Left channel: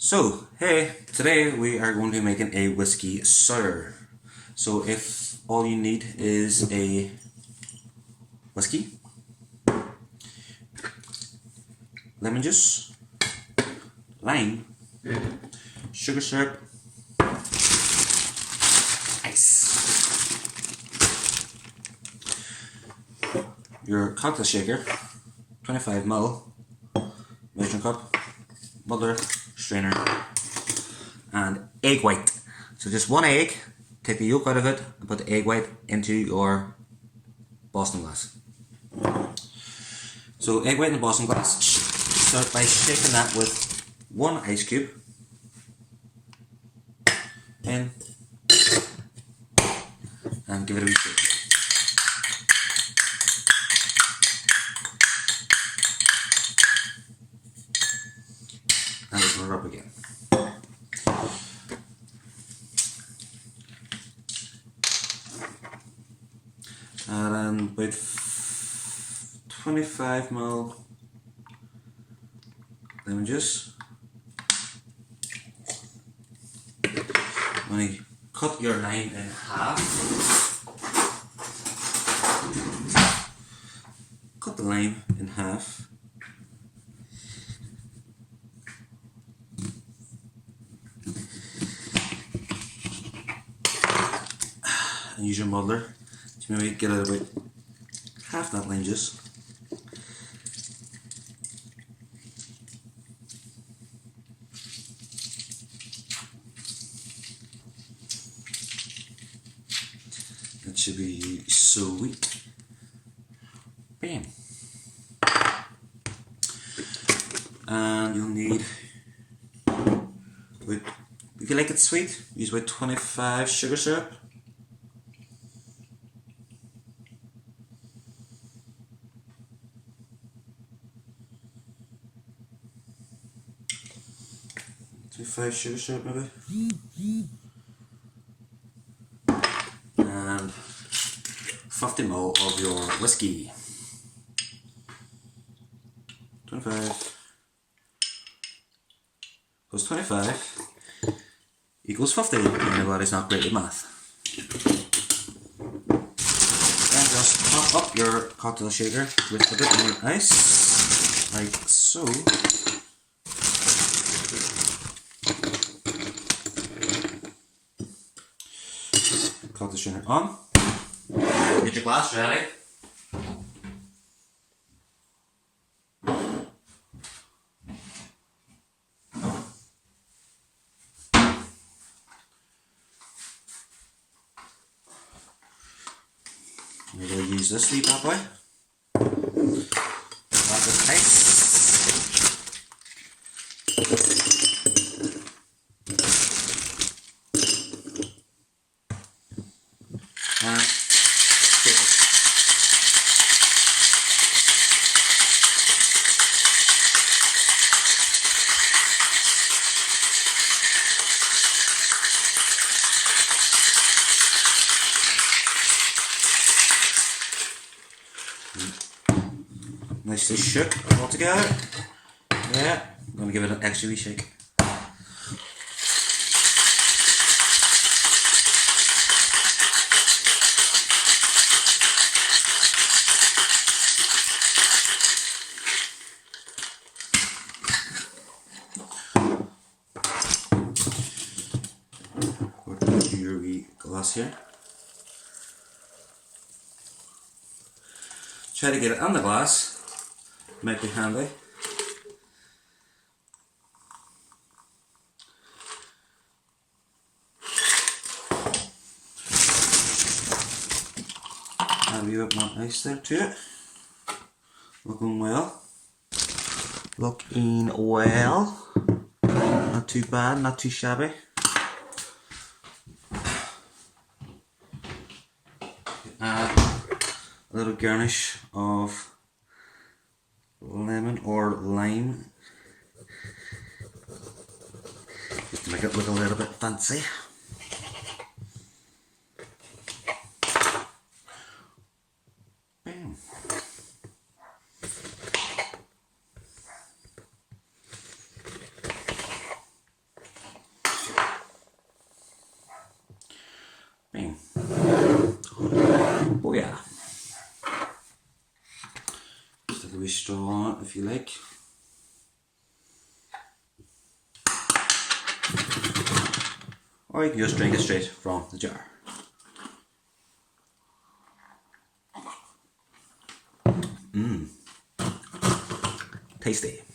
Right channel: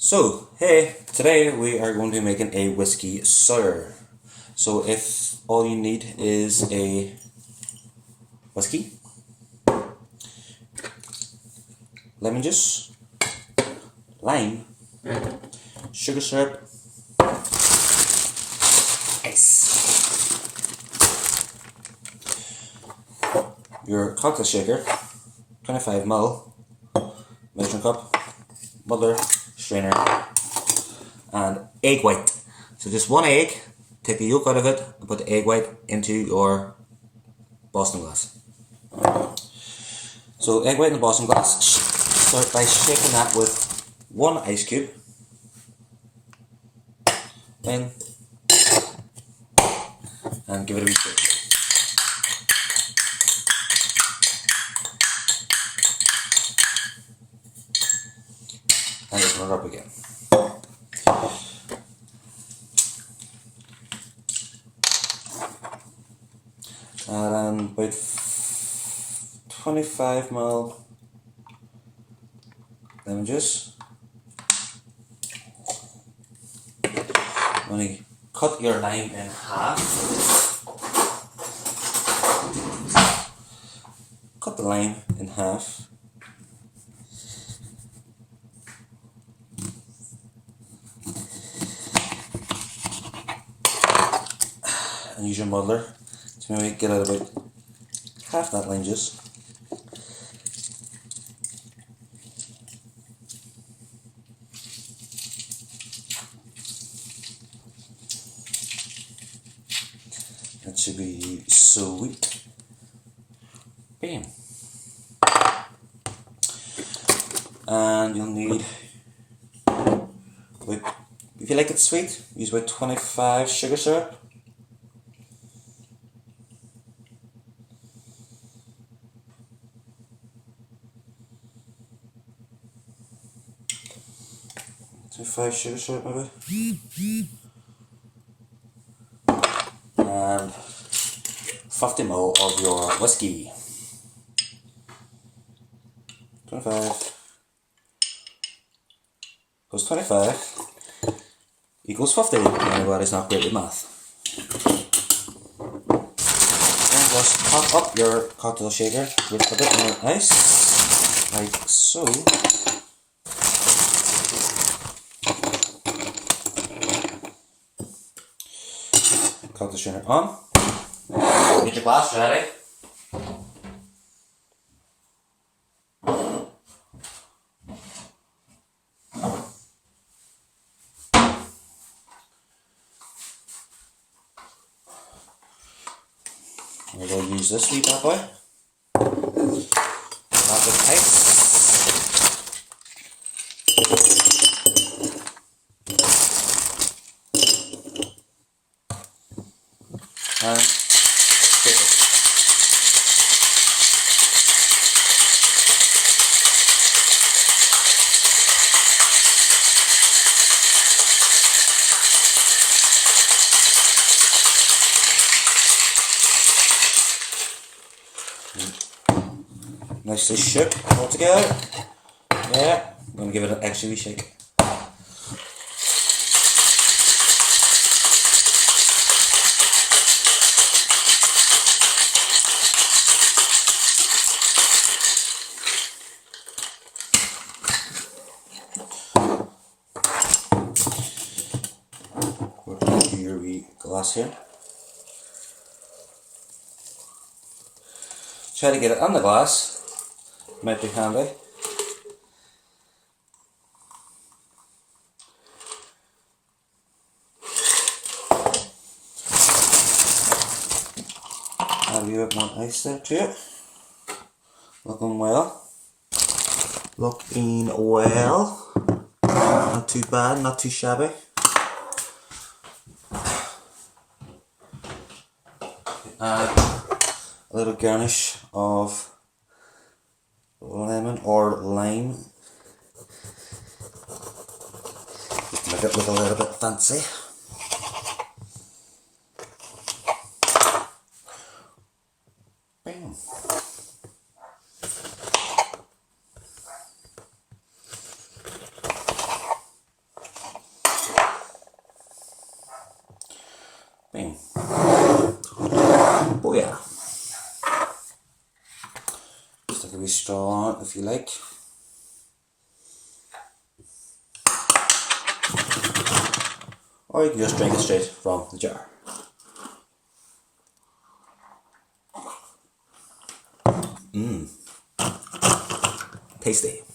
So, hey, today we are going to be making a whiskey sour. So if all you need is a whiskey, lemon juice, lime, sugar syrup, ice, your cocktail shaker, 25 ml, measuring cup, muddler, strainer, and egg white. So just one egg, take the yolk out of it and put the egg white into your Boston glass. So egg white in the Boston glass, start by shaking that with one ice cube in and give it a wee shake. And open it up again. And about 25 ml lemon juice. When you cut your lime in half, cut the lime in half. And use your muddler to maybe get out about half that lime juice. That should be sweet. Bam. And you'll need, if you like it sweet, use about 25 sugar syrup. Five sugar syrup maybe, and 50 ml of your whiskey. 25 plus 25 equals 50. Anybody's not great with math. And just top up your cocktail shaker with a bit more ice, like so. Cocktail strainer on. Get your glass ready. We're going to use this wee bad boy. Lots of ice. And shake it. Nicely shook all together. Yeah, I'm going to give it an extra wee shake. Your wee glass here. Try to get it on the glass. Might be handy. Add a wee bit more ice there to it. Looking well. Looking well. Not too bad, not too shabby. A little garnish of lemon or lime, just to make it look a little bit fancy. Bam. cream. Oh yeah. Stick a wee straw on it if you like. Or you can just drink it straight from the jar. Tasty.